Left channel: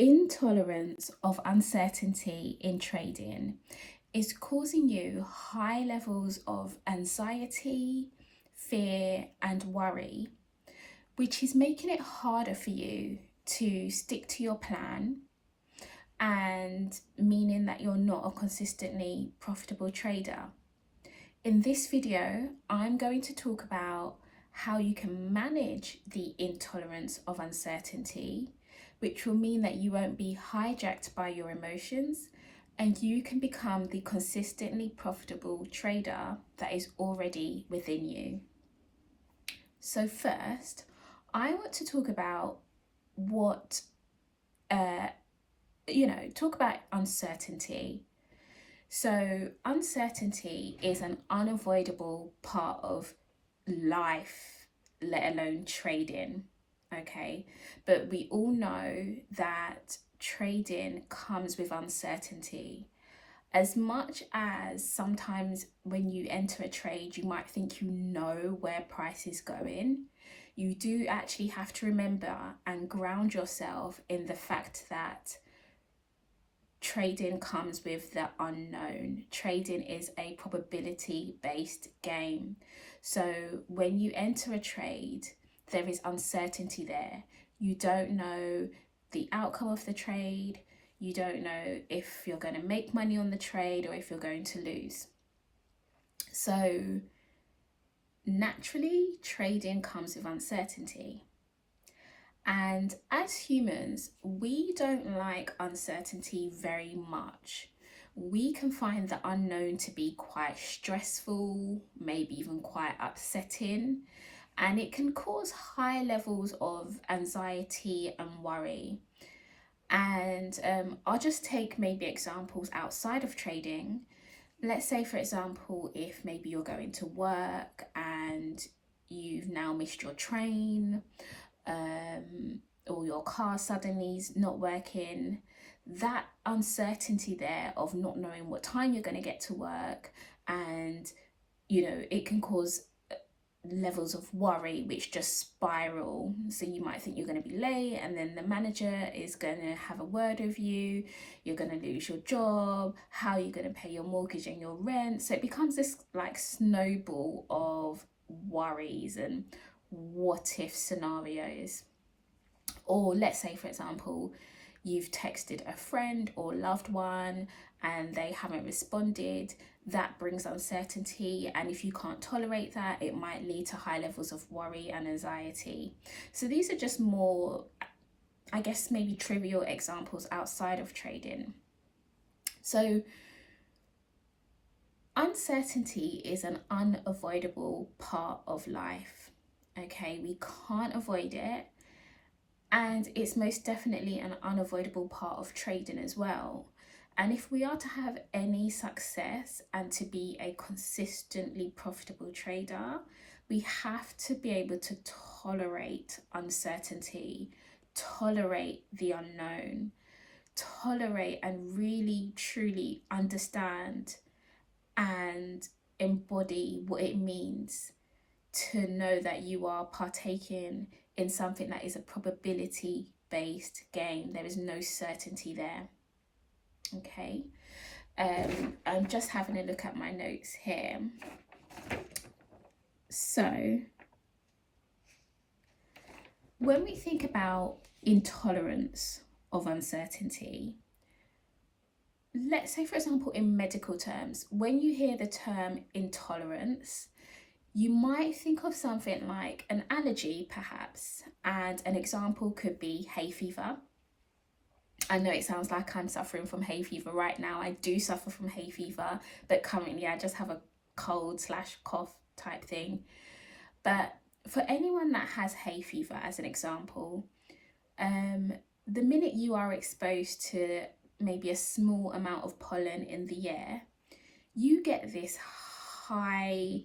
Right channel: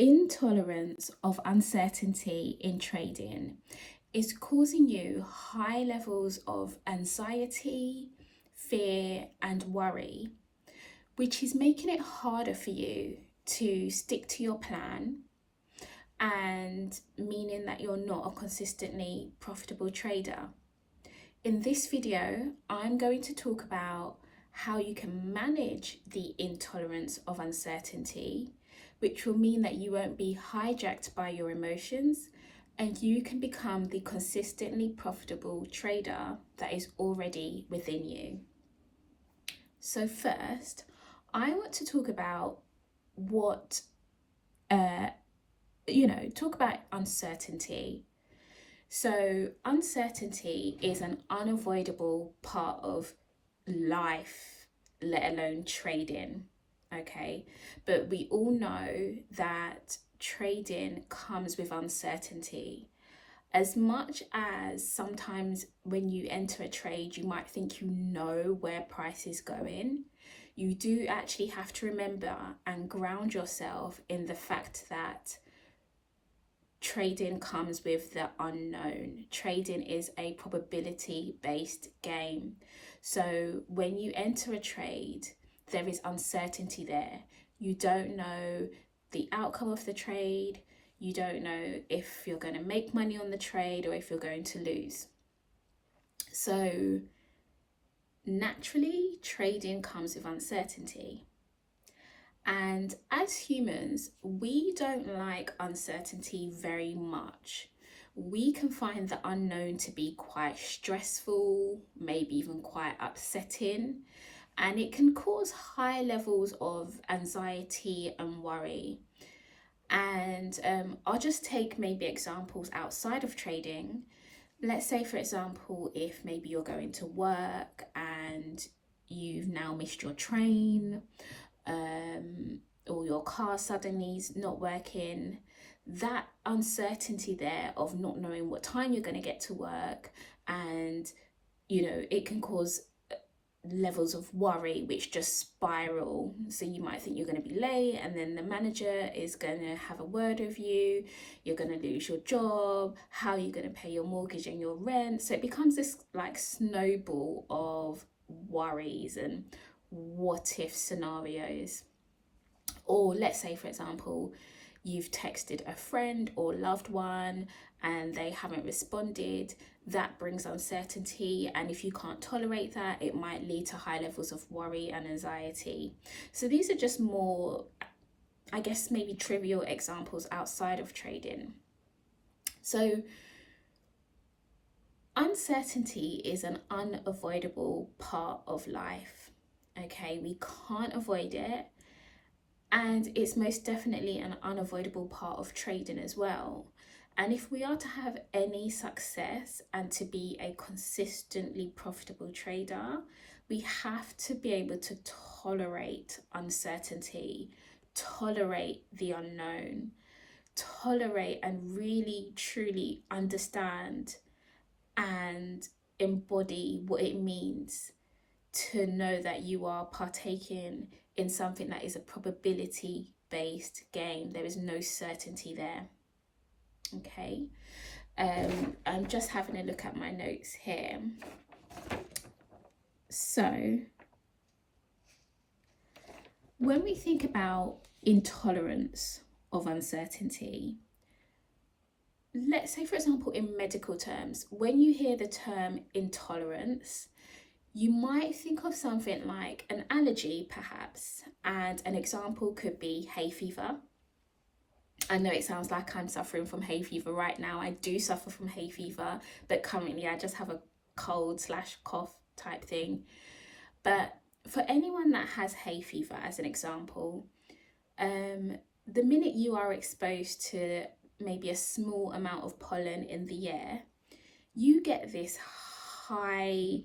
Intolerance of uncertainty in trading is causing you high levels of anxiety, fear, and worry, which is making it harder for you to stick to your plan and meaning that you're not a consistently profitable trader. In this video, I'm going to talk about how you can manage the intolerance of uncertainty, which will mean that you won't be hijacked by your emotions and you can become the consistently profitable trader that is already within you. So first, I want to talk about what, talk about uncertainty. So, uncertainty is an unavoidable part of life, let alone trading. Okay. But we all know that trading comes with uncertainty. As much as sometimes when you enter a trade, you might think you know where price is going, you do actually have to remember and ground yourself in the fact that trading comes with the unknown. Trading is a probability based game. So when you enter a trade, there is uncertainty there. You don't know the outcome of the trade. You don't know if you're going to make money on the trade or if you're going to lose. So naturally, trading comes with uncertainty. And as humans, we don't like uncertainty very much. We can find the unknown to be quite stressful, maybe even quite upsetting, and it can cause high levels of anxiety and worry. And I'll just take maybe examples outside of trading. Let's say, for example, if maybe you're going to work and you've now missed your train, or your car suddenly is not working, that uncertainty there of not knowing what time you're going to get to work, and it can cause levels of worry which just spiral. So you might think you're going to be late, and then the manager is going to have a word with you, you're going to lose your job, how are you going to pay your mortgage and your rent? So it becomes this like snowball of worries and what if scenarios. Or let's say, for example, you've texted a friend or loved one and they haven't responded. That brings uncertainty. And if you can't tolerate that, it might lead to high levels of worry and anxiety. So these are just more, I guess, maybe trivial examples outside of trading. So uncertainty is an unavoidable part of life. Okay, we can't avoid it. And it's most definitely an unavoidable part of trading as well. And if we are to have any success and to be a consistently profitable trader, we have to be able to tolerate uncertainty, tolerate the unknown, tolerate and really truly understand and embody what it means to know that you are partaking in something that is a probability based game. There is no certainty there. Okay. I'm just having a look at my notes here. So when we think about intolerance of uncertainty, let's say, for example, in medical terms, when you hear the term intolerance, you might think of something like an allergy, perhaps, and an example could be hay fever. I know it sounds like I'm suffering from hay fever right now. I do suffer from hay fever, but currently I just have a cold/cough type thing. But for anyone that has hay fever, as an example, the minute you are exposed to maybe a small amount of pollen in the air, you get this high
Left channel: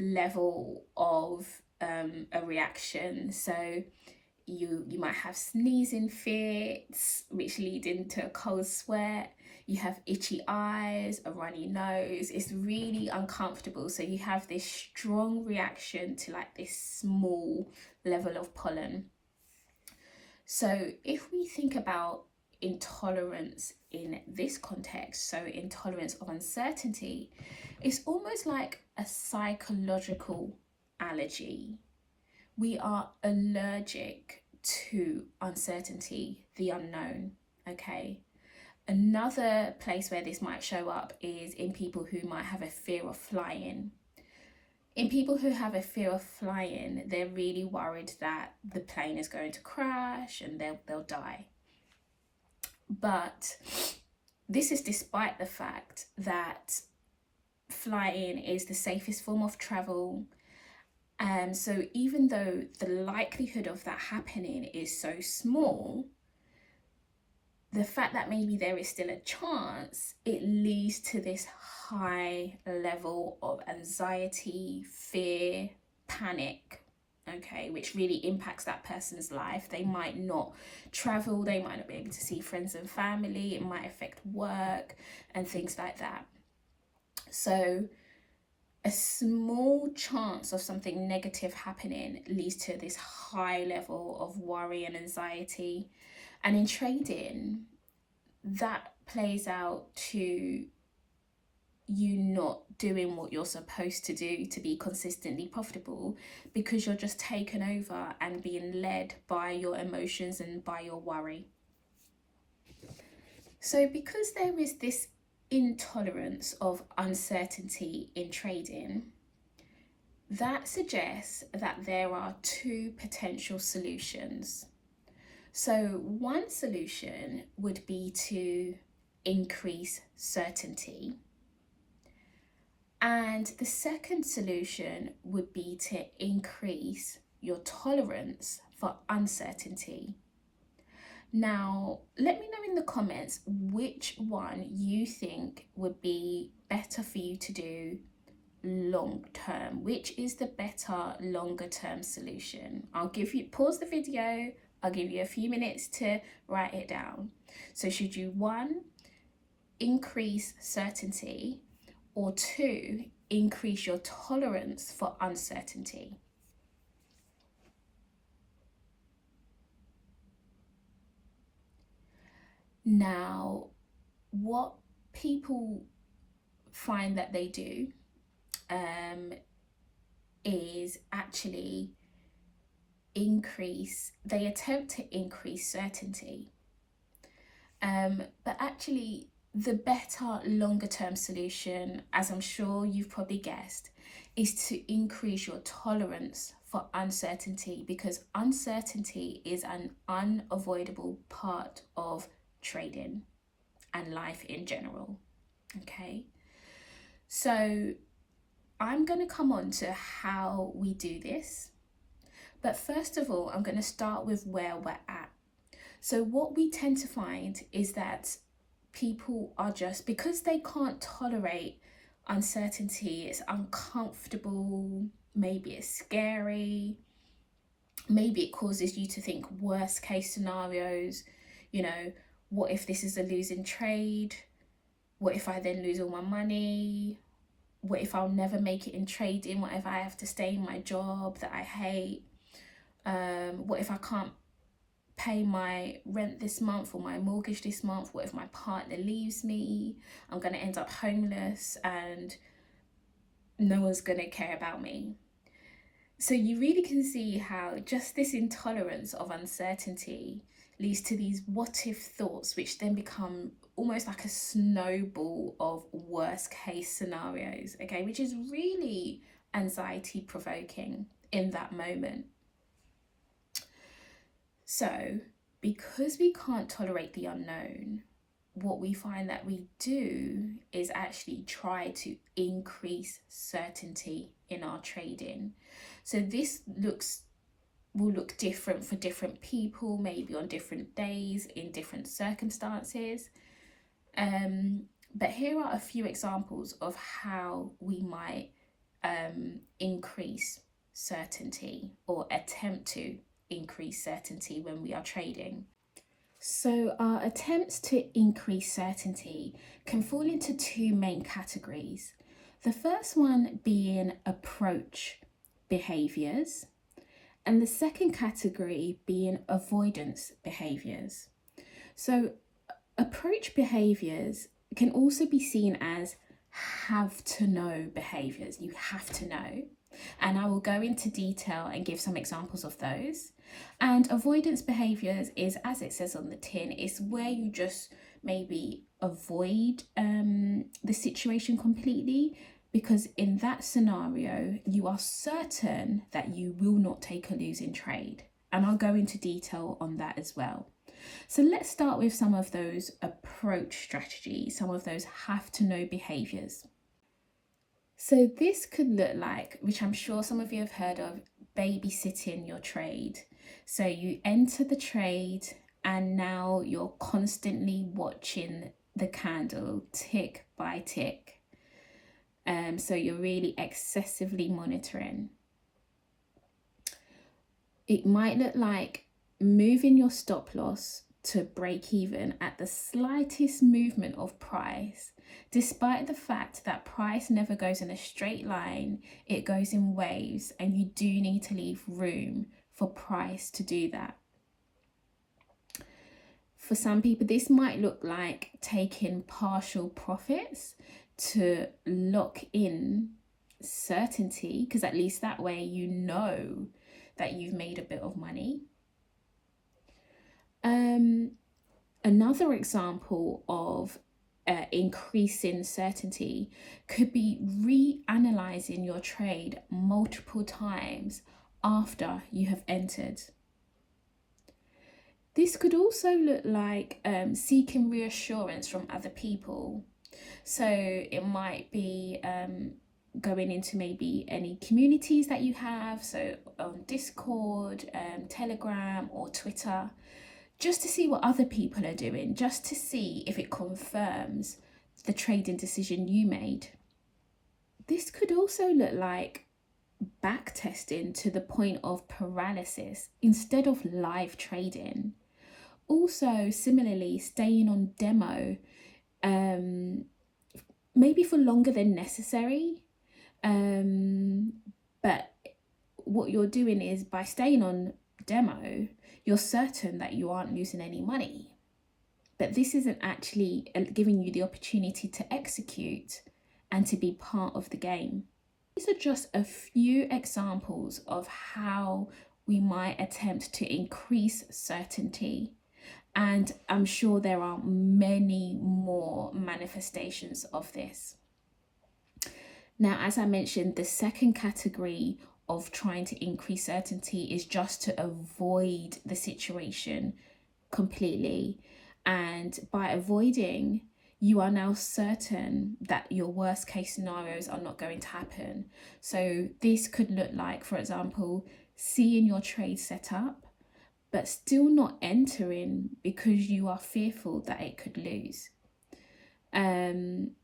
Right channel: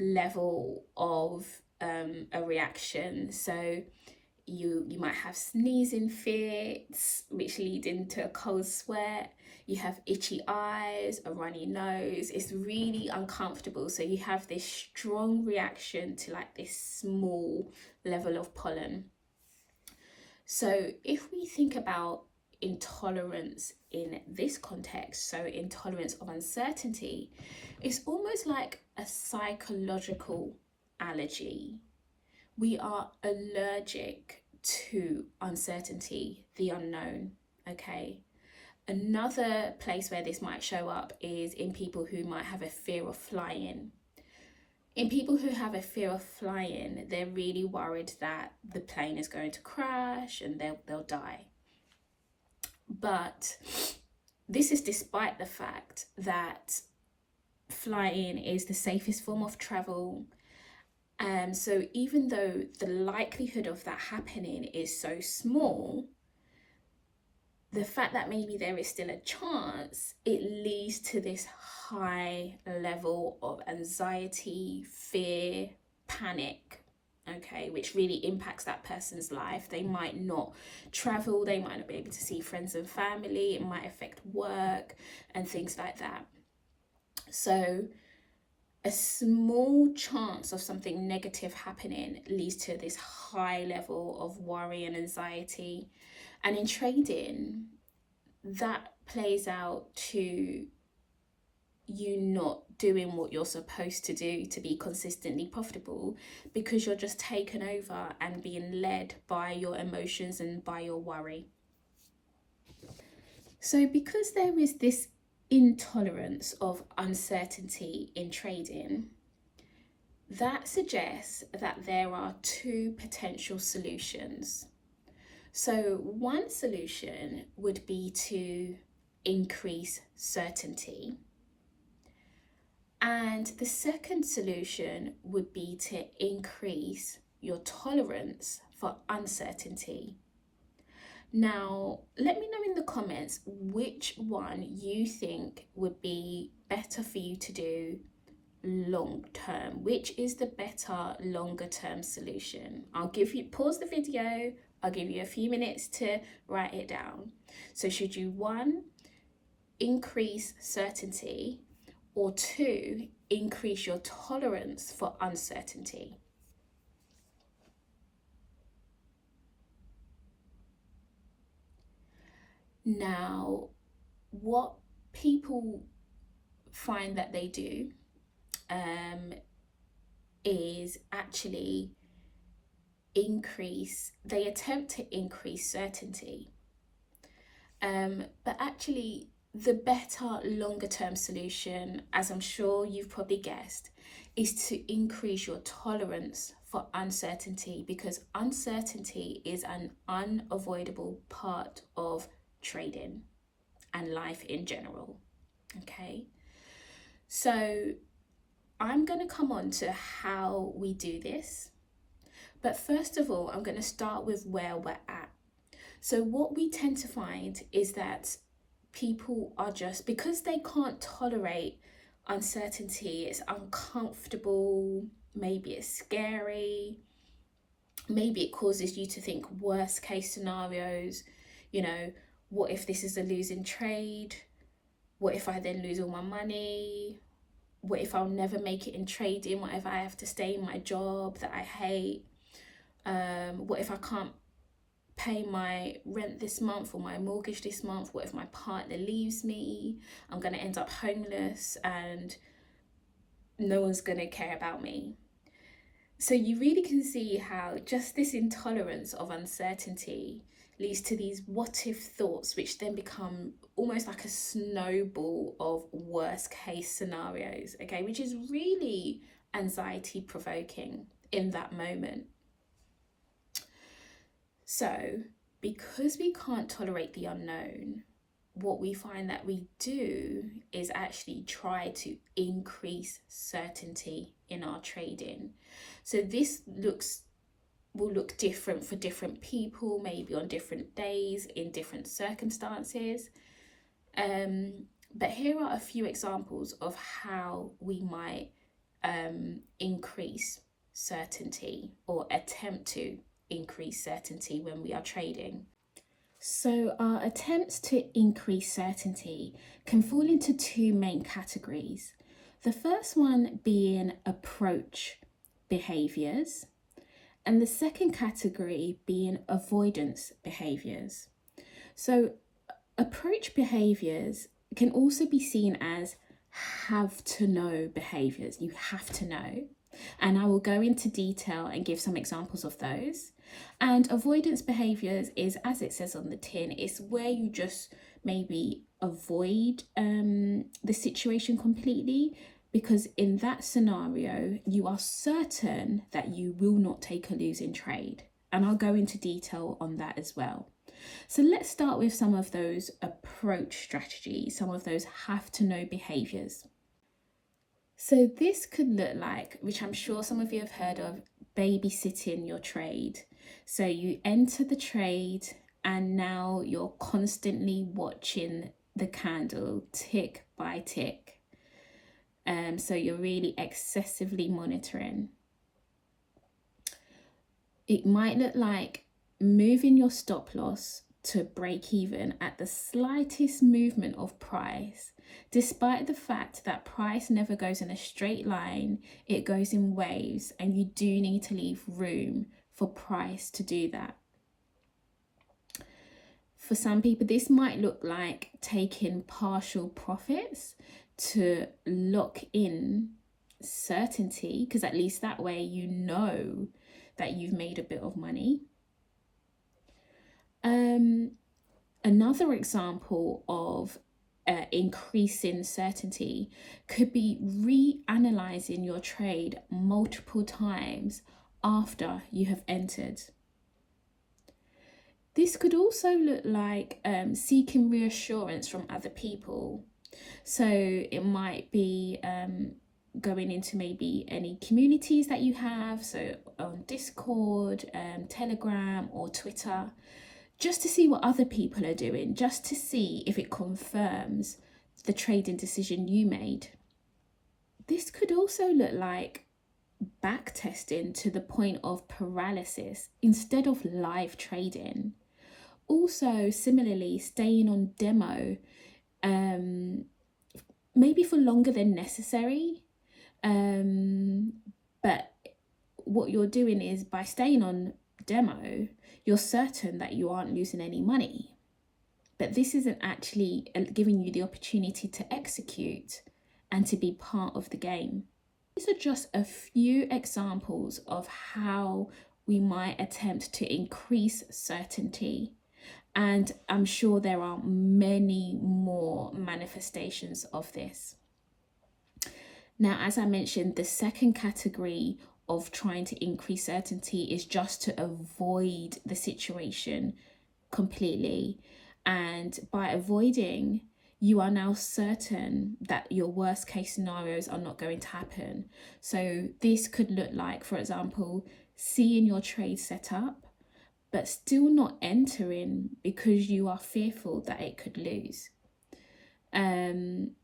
level of a reaction. So you might have sneezing fits which lead into a cold sweat, you have itchy eyes, a runny nose, it's really uncomfortable. So you have this strong reaction to like this small level of pollen. So if we think about intolerance in this context, so intolerance of uncertainty, it's almost like a psychological allergy. We are allergic to uncertainty, the unknown, okay? Another place where this might show up is in people who might have a fear of flying. In people who have a fear of flying, they're really worried that the plane is going to crash and they'll die. But this is despite the fact that flying is the safest form of travel. So even though the likelihood of that happening is so small, the fact that maybe there is still a chance, it leads to this high level of anxiety, fear, panic, okay, which really impacts that person's life. They might not travel, they might not be able to see friends and family, it might affect work and things like that. So a small chance of something negative happening leads to this high level of worry and anxiety. And in trading, that plays out to you not doing what you're supposed to do to be consistently profitable, because you're just taken over and being led by your emotions and by your worry. So because there is this intolerance of uncertainty in trading, that suggests that there are two potential solutions. So one solution would be to increase certainty. And the second solution would be to increase your tolerance for uncertainty. Now, let me know in the comments which one you think would be better for you to do long term. Which is the better longer term solution? I'll give you, pause the video, I'll give you a few minutes to write it down. So should you, 1, increase certainty, or 2, increase your tolerance for uncertainty? Now, what people find that they do is actually they attempt to increase certainty. But actually, the better longer term solution, as I'm sure you've probably guessed, is to increase your tolerance for uncertainty, because uncertainty is an unavoidable part of trading and life in general. Okay, so I'm going to come on to how we do this. But first of all, I'm going to start with where we're at. So what we tend to find is that people are just, because they can't tolerate uncertainty, it's uncomfortable, maybe it's scary, maybe it causes you to think worst case scenarios, you know, what if this is a losing trade? What if I then lose all my money? What if I'll never make it in trading? What if I have to stay in my job that I hate? What if I can't pay my rent this month or my mortgage this month? What if my partner leaves me? I'm going to end up homeless and no one's going to care about me. So you really can see how just this intolerance of uncertainty leads to these what if thoughts, which then become almost like a snowball of worst case scenarios, okay, which is really anxiety provoking in that moment. So because we can't tolerate the unknown, what we find that we do is actually try to increase certainty in our trading. So this will look different for different people, maybe on different days, in different circumstances. But here are a few examples of how we might increase certainty, or attempt to increase certainty when we are trading. So our attempts to increase certainty can fall into two main categories. The first one being approach behaviors, And the second category being avoidance behaviors. So approach behaviors can also be seen as have to know behaviors. You have to know. And I will go into detail and give some examples of those. And avoidance behaviors is, as it says on the tin, it's where you just maybe avoid the situation completely, because in that scenario, you are certain that you will not take a losing trade. And I'll go into detail on that as well. So let's start with some of those approach strategies, some of those have to know behaviors. So this could look like, which I'm sure some of you have heard of, babysitting your trade. So you enter the trade and now you're constantly watching the candle tick by tick. So you're really excessively monitoring. It might look like moving your stop loss to break even at the slightest movement of price, despite the fact that price never goes in a straight line, it goes in waves, and you do need to leave room for price to do that. For some people, this might look like taking partial profits to lock in certainty, because at least that way you know that you've made a bit of money. Another example of increasing certainty could be reanalyzing your trade multiple times after you have entered. This could also look like seeking reassurance from other people. So it might be going into maybe any communities that you have, so on Discord, Telegram or Twitter, just to see what other people are doing, just to see if it confirms the trading decision you made. This could also look like back testing to the point of paralysis instead of live trading. Also, similarly, staying on demo, maybe for longer than necessary. But what you're doing is, by staying on demo, you're certain that you aren't losing any money. But this isn't actually giving you the opportunity to execute and to be part of the game. These are just a few examples of how we might attempt to increase certainty. And I'm sure there are many more manifestations of this. Now, as I mentioned, the second category of trying to increase certainty is just to avoid the situation completely. And by avoiding, you are now certain that your worst case scenarios are not going to happen. So this could look like, for example, seeing your trade set up, but still not entering because you are fearful that it could lose. And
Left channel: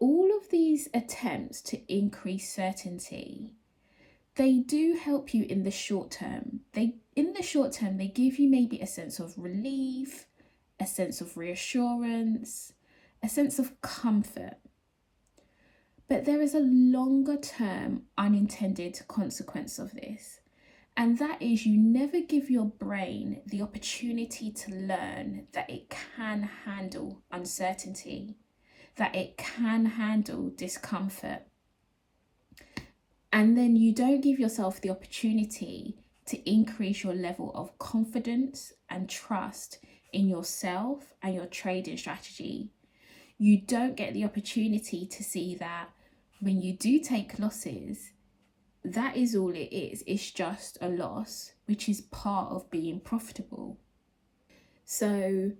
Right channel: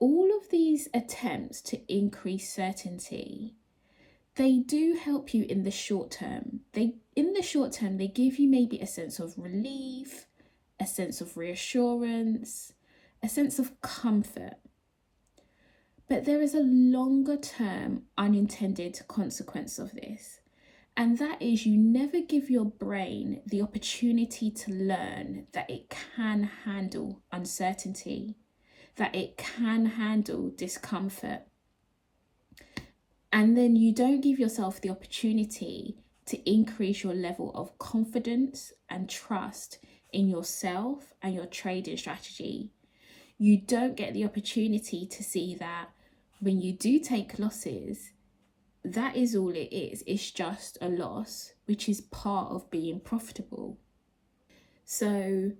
all of these attempts to increase certainty, they do help you in the short term. They give you maybe a sense of relief, a sense of reassurance, a sense of comfort. But there is a longer term unintended consequence of this. And that is, you never give your brain the opportunity to learn that it can handle uncertainty, that it can handle discomfort. And then you don't give yourself the opportunity to increase your level of confidence and trust in yourself and your trading strategy. You don't get the opportunity to see that when you do take losses, that is all it is. It's just a loss, which is part of being profitable. So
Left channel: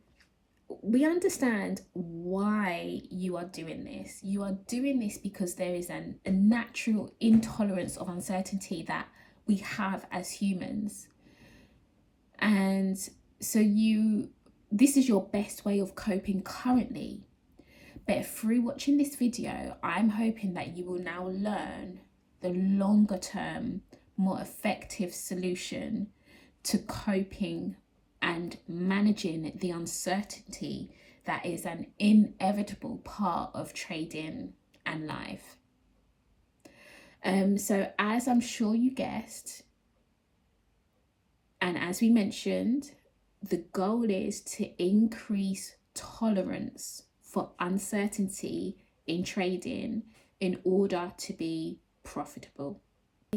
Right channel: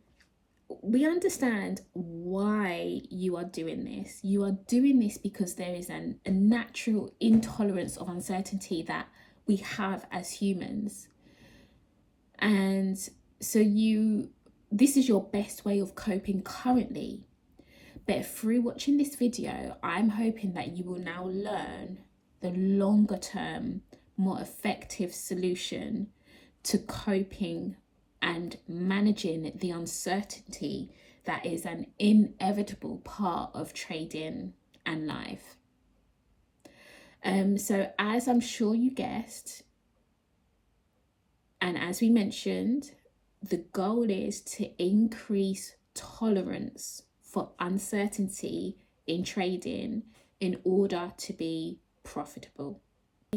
we understand why you are doing this. You are doing this because there is a natural intolerance of uncertainty that we have as humans. And so this is your best way of coping currently. But through watching this video, I'm hoping that you will now learn the longer term, more effective solution to coping and managing the uncertainty that is an inevitable part of trading and life. So as I'm sure you guessed, and as we mentioned, the goal is to increase tolerance for uncertainty in trading in order to be profitable.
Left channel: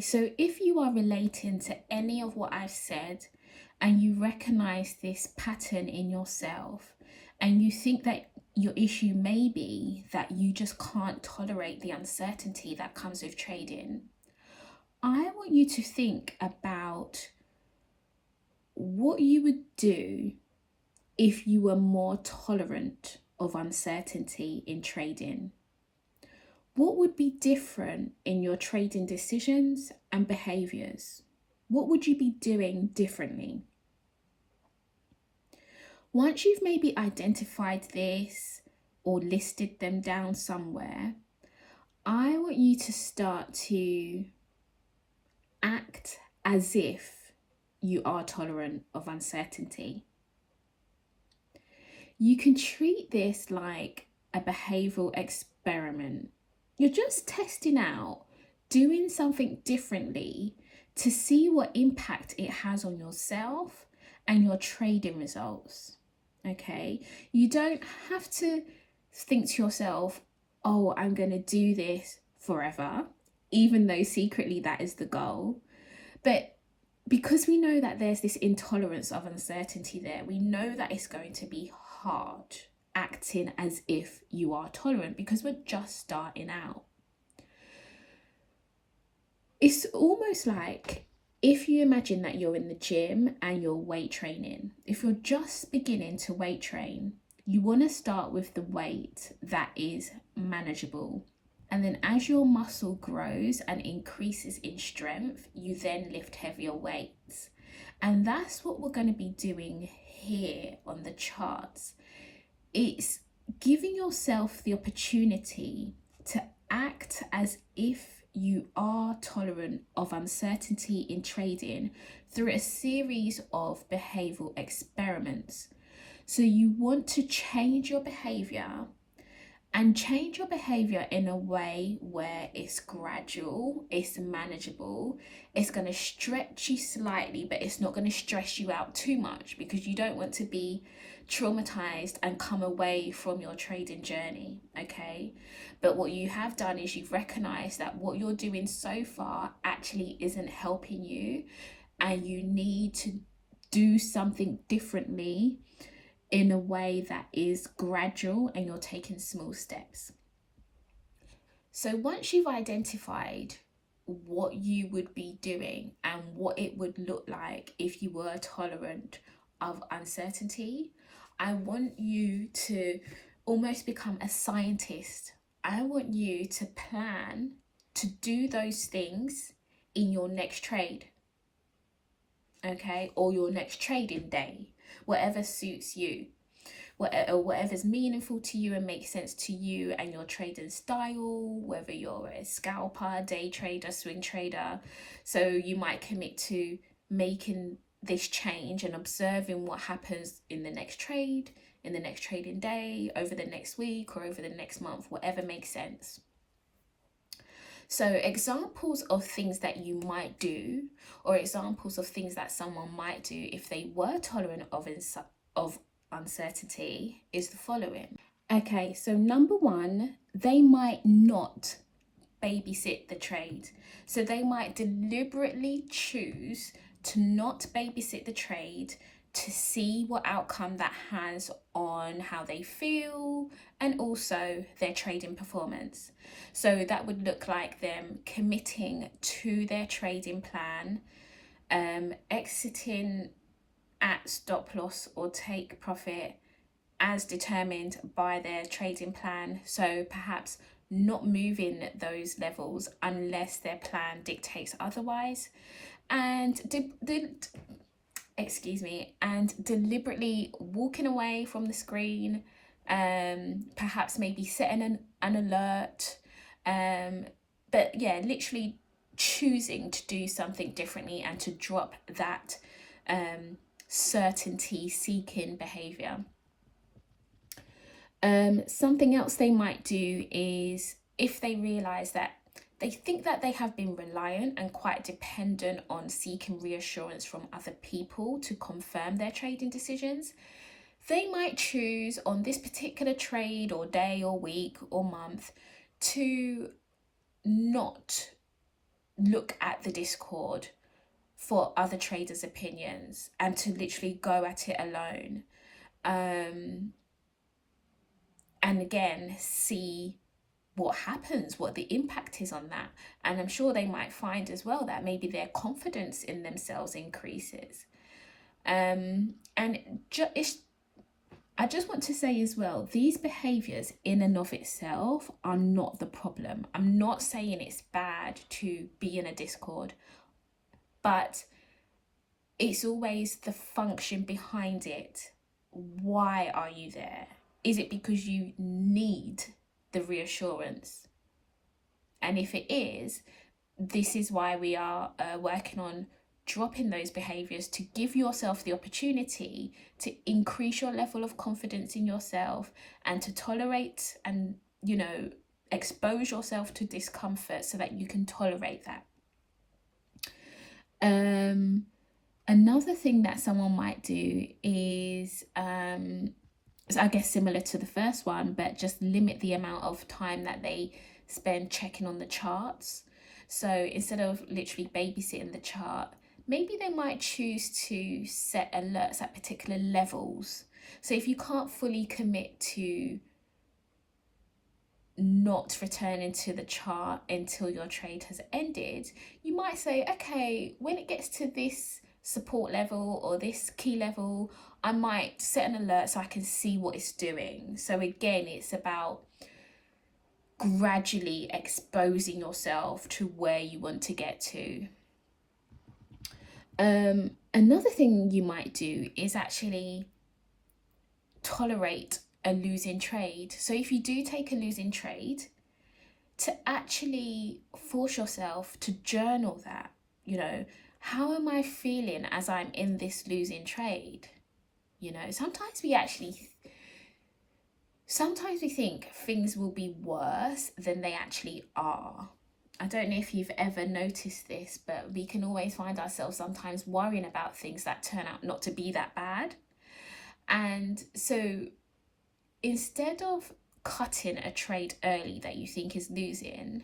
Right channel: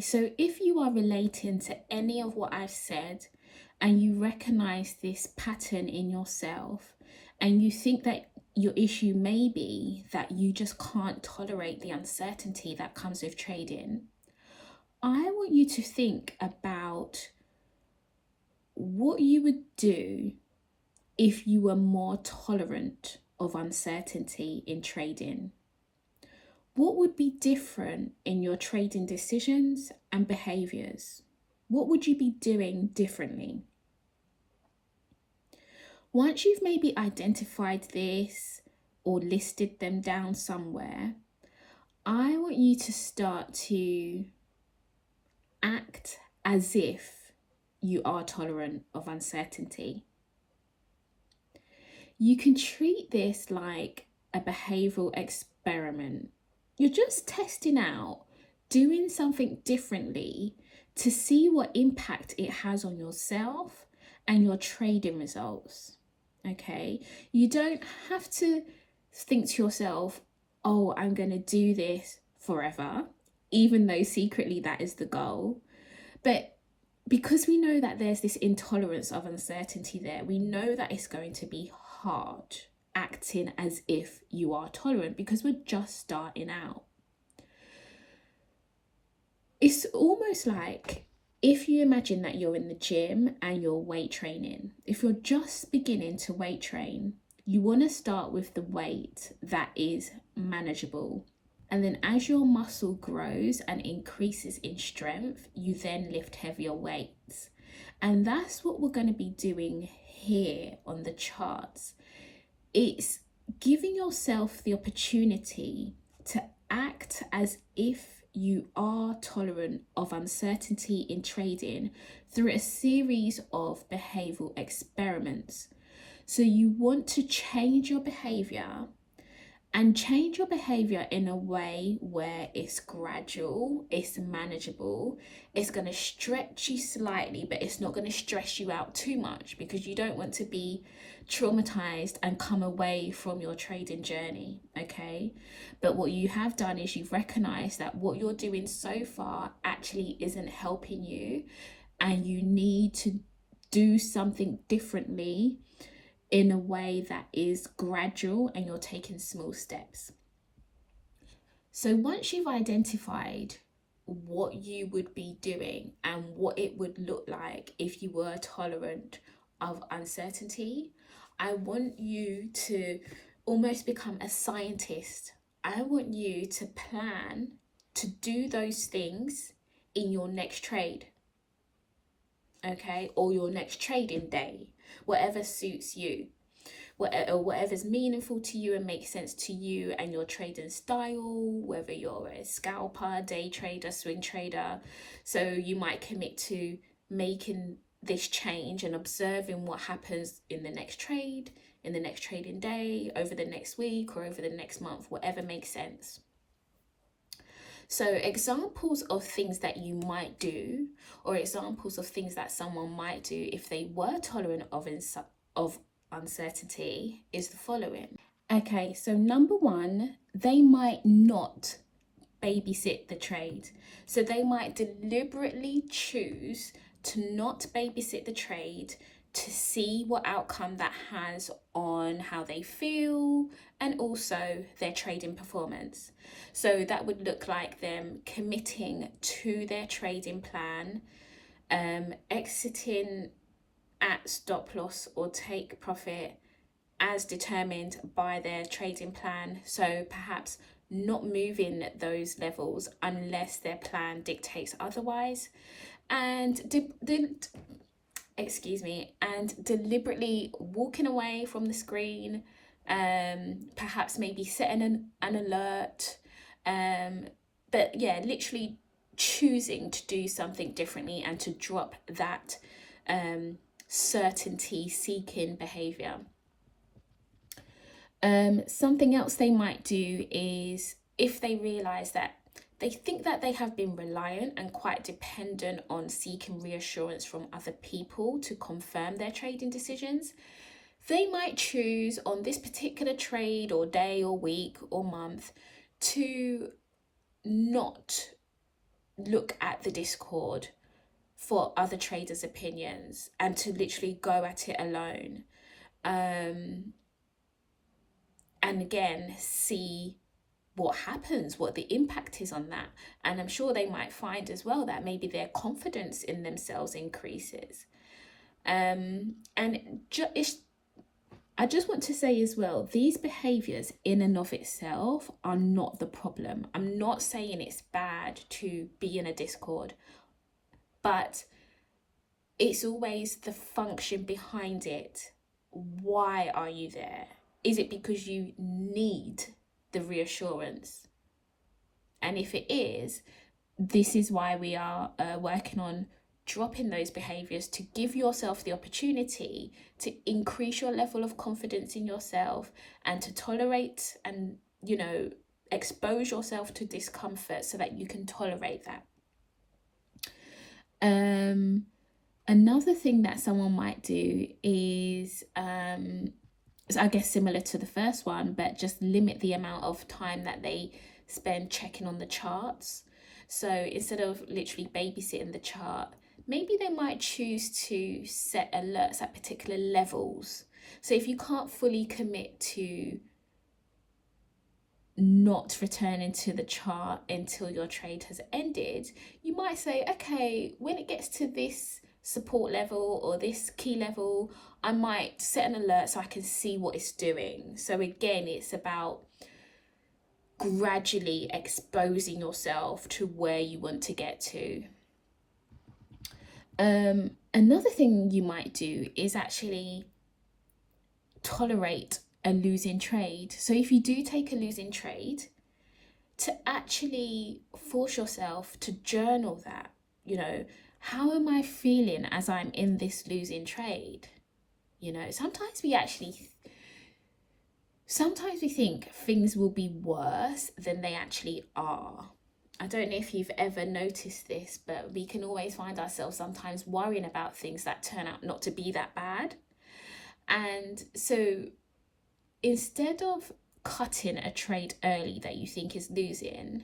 So if you are relating to any of what I've said and you recognize this pattern in yourself and you think that your issue may be that you just can't tolerate the uncertainty that comes with trading, I want you to think about what you would do if you were more tolerant of uncertainty in trading. What would be different in your trading decisions and behaviors? What would you be doing differently? Once you've maybe identified this or listed them down somewhere, I want you to start to act as if you are tolerant of uncertainty. You can treat this like a behavioral experiment. You're just testing out doing something differently to see what impact it has on yourself and your trading results. Okay, you don't have to think to yourself, oh, I'm going to do this forever, even though secretly that is the goal. But because we know that there's this intolerance of uncertainty there, we know that it's going to be hard acting as if you are tolerant because we're just starting out. It's almost like if you imagine that you're in the gym and you're weight training. If you're just beginning to weight train, you want to start with the weight that is manageable. And then as your muscle grows and increases in strength, you then lift heavier weights. And that's what we're going to be doing here on the charts. It's giving yourself the opportunity to act as if you are tolerant of uncertainty in trading through a series of behavioral experiments. So you want to change your behavior and change your behavior in a way where it's gradual, it's manageable, it's going to stretch you slightly, but it's not going to stress you out too much because you don't want to be traumatized and come away from your trading journey, okay? But what you have done is you've recognized that what you're doing so far actually isn't helping you and you need to do something differently in a way that is gradual and you're taking small steps. So once you've identified what you would be doing and what it would look like if you were tolerant of uncertainty, I want you to almost become a scientist. I want you to plan to do those things in your next trade, okay, or your next trading day, whatever suits you, whatever's meaningful to you and makes sense to you and your trading style, whether you're a scalper, day trader, swing trader. So you might commit to making this change and observing what happens in the next trade, in the next trading day, over the next week or over the next month, whatever makes sense. So examples of things that you might do, or examples of things that someone might do if they were tolerant of uncertainty, is the following. Okay, so number one, they might not babysit the trade. So they might deliberately choose to not babysit the trade to see what outcome that has on how they feel and also their trading performance. So that would look like them committing to their trading plan, exiting at stop loss or take profit as determined by their trading plan. So perhaps not moving those levels unless their plan dictates otherwise, and deliberately walking away from the screen, perhaps maybe setting an alert, but yeah, literally choosing to do something differently and to drop that certainty seeking behavior. Something else they might do is if they realize that They think that they have been reliant and quite dependent on seeking reassurance from other people to confirm their trading decisions. They might choose on this particular trade or day or week or month to not look at the Discord for other traders' opinions and to literally go at it alone. And again, see what happens, what the impact is on that. And I'm sure they might find as well that maybe their confidence in themselves increases. And I just want to say as well, these behaviors in and of itself are not the problem. I'm not saying it's bad to be in a Discord, but it's always the function behind it. Why are you there? Is it because you need the reassurance? And if it is, this is why we are working on dropping those behaviors to give yourself the opportunity to increase your level of confidence in yourself and to tolerate and, expose yourself to discomfort so that you can tolerate that. Another thing that someone might do is, I guess similar to the first one, but just limit the amount of time that they spend checking on the charts. So instead of literally babysitting the chart, maybe they might choose to set alerts at particular levels. So if you can't fully commit to not returning to the chart until your trade has ended, you might say, okay, when it gets to this support level or this key level, I might set an alert so I can see what it's doing. So again, it's about gradually exposing yourself to where you want to get to. Another thing you might do is actually tolerate a losing trade. So if you do take a losing trade, to actually force yourself to journal that, how am I feeling as I'm in this losing trade? Sometimes we think things will be worse than they actually are. I don't know if you've ever noticed this, but we can always find ourselves sometimes worrying about things that turn out not to be that bad. And so instead of cutting a trade early that you think is losing,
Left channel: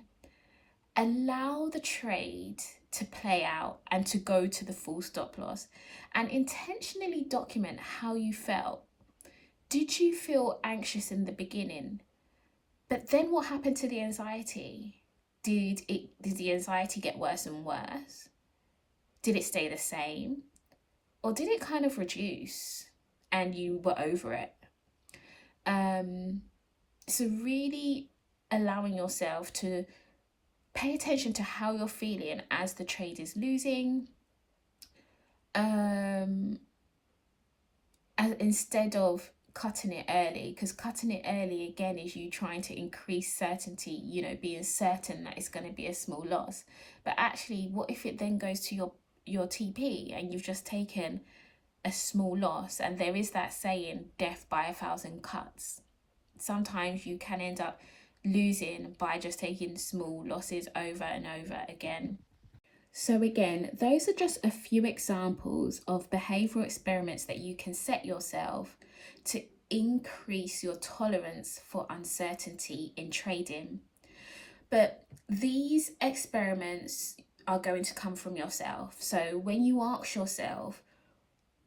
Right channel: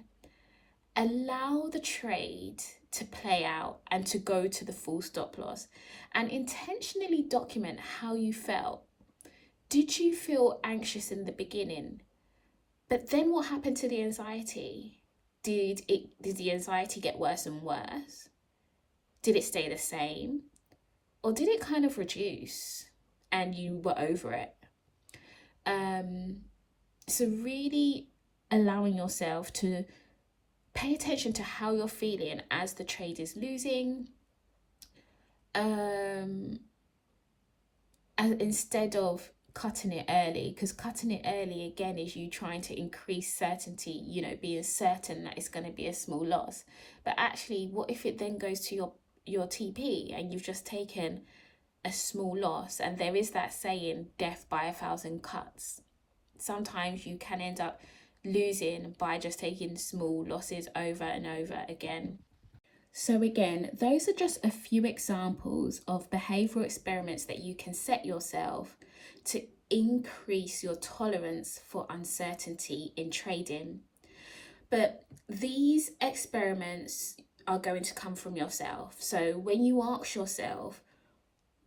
allow the trade to play out and to go to the full stop loss, and intentionally document how you felt. Did you feel anxious in the beginning? But then what happened to the anxiety? Did the anxiety get worse and worse? Did it stay the same? Or did it kind of reduce and you were over it? So really allowing yourself to pay attention to how you're feeling as the trade is losing, instead of cutting it early, because cutting it early again is you trying to increase certainty, being certain that it's going to be a small loss. But actually, what if it then goes to your TP and you've just taken a small loss? And there is that saying, death by 1,000 cuts. Sometimes you can end up losing by just taking small losses over and over again. So again, those are just a few examples of behavioral experiments that you can set yourself to increase your tolerance for uncertainty in trading. But these experiments are going to come from yourself. So when you ask yourself,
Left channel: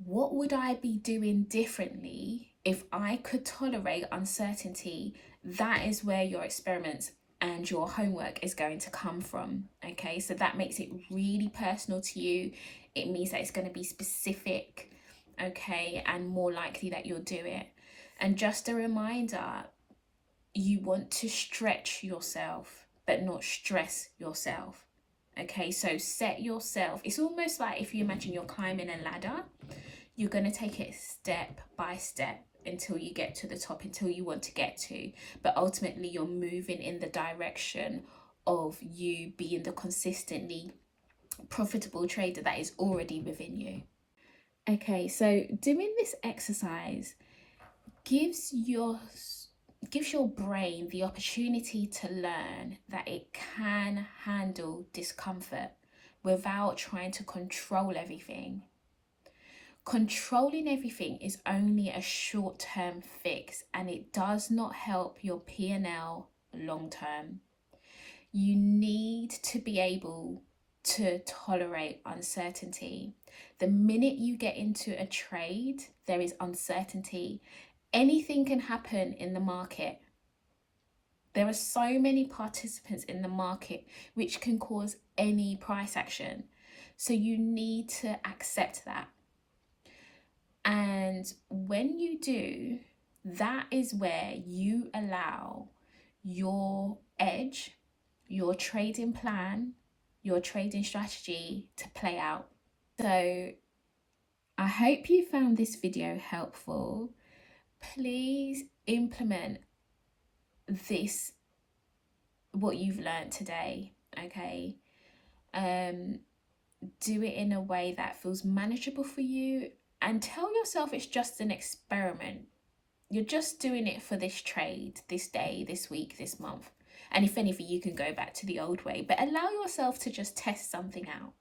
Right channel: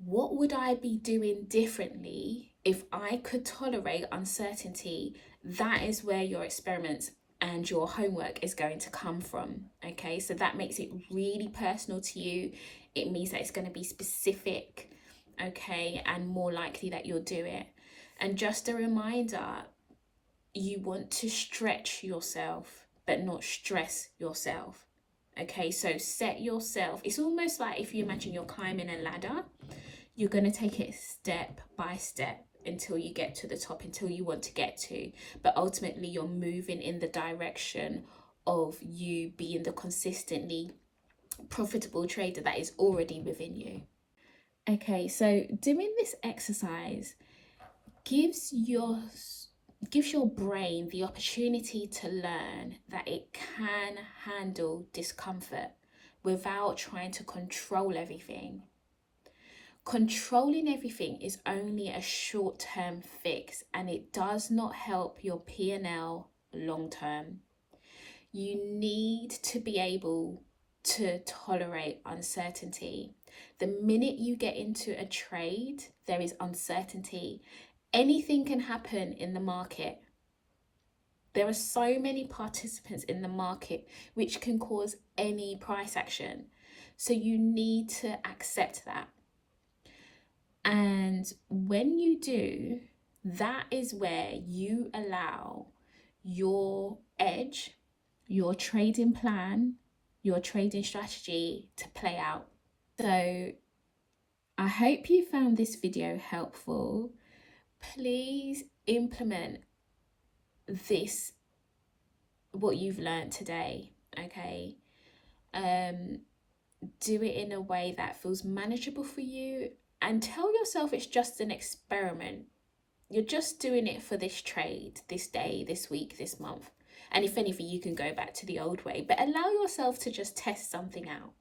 what would I be doing differently if I could tolerate uncertainty? That is where your experiments and your homework is going to come from. Okay, so that makes it really personal to you. It means that it's going to be specific, okay, and more likely that you'll do it. And just a reminder, you want to stretch yourself, but not stress yourself. Okay, so set yourself, it's almost like if you imagine you're climbing a ladder, you're going to take it step by step until you get to the top, until you want to get to. But ultimately, you're moving in the direction of you being the consistently profitable trader that is already within you. Okay, so doing this exercise gives gives your brain the opportunity to learn that it can handle discomfort without trying to control everything. Controlling everything is only a short-term fix, and it does not help your P&L long term. You need to be able to tolerate uncertainty. The minute you get into a trade, there is uncertainty. Anything can happen in the market. There are so many participants in the market which can cause any price action. So you need to accept that. And when you do, that is where you allow your edge, your trading plan, your trading strategy to play out. So I hope you found this video helpful. Please implement this, what you've learned today, okay? Do it in a way that feels manageable for you, and tell yourself it's just an experiment. You're just doing it for this trade, this day, this week, this month. And if anything, you can go back to the old way, but allow yourself to just test something out.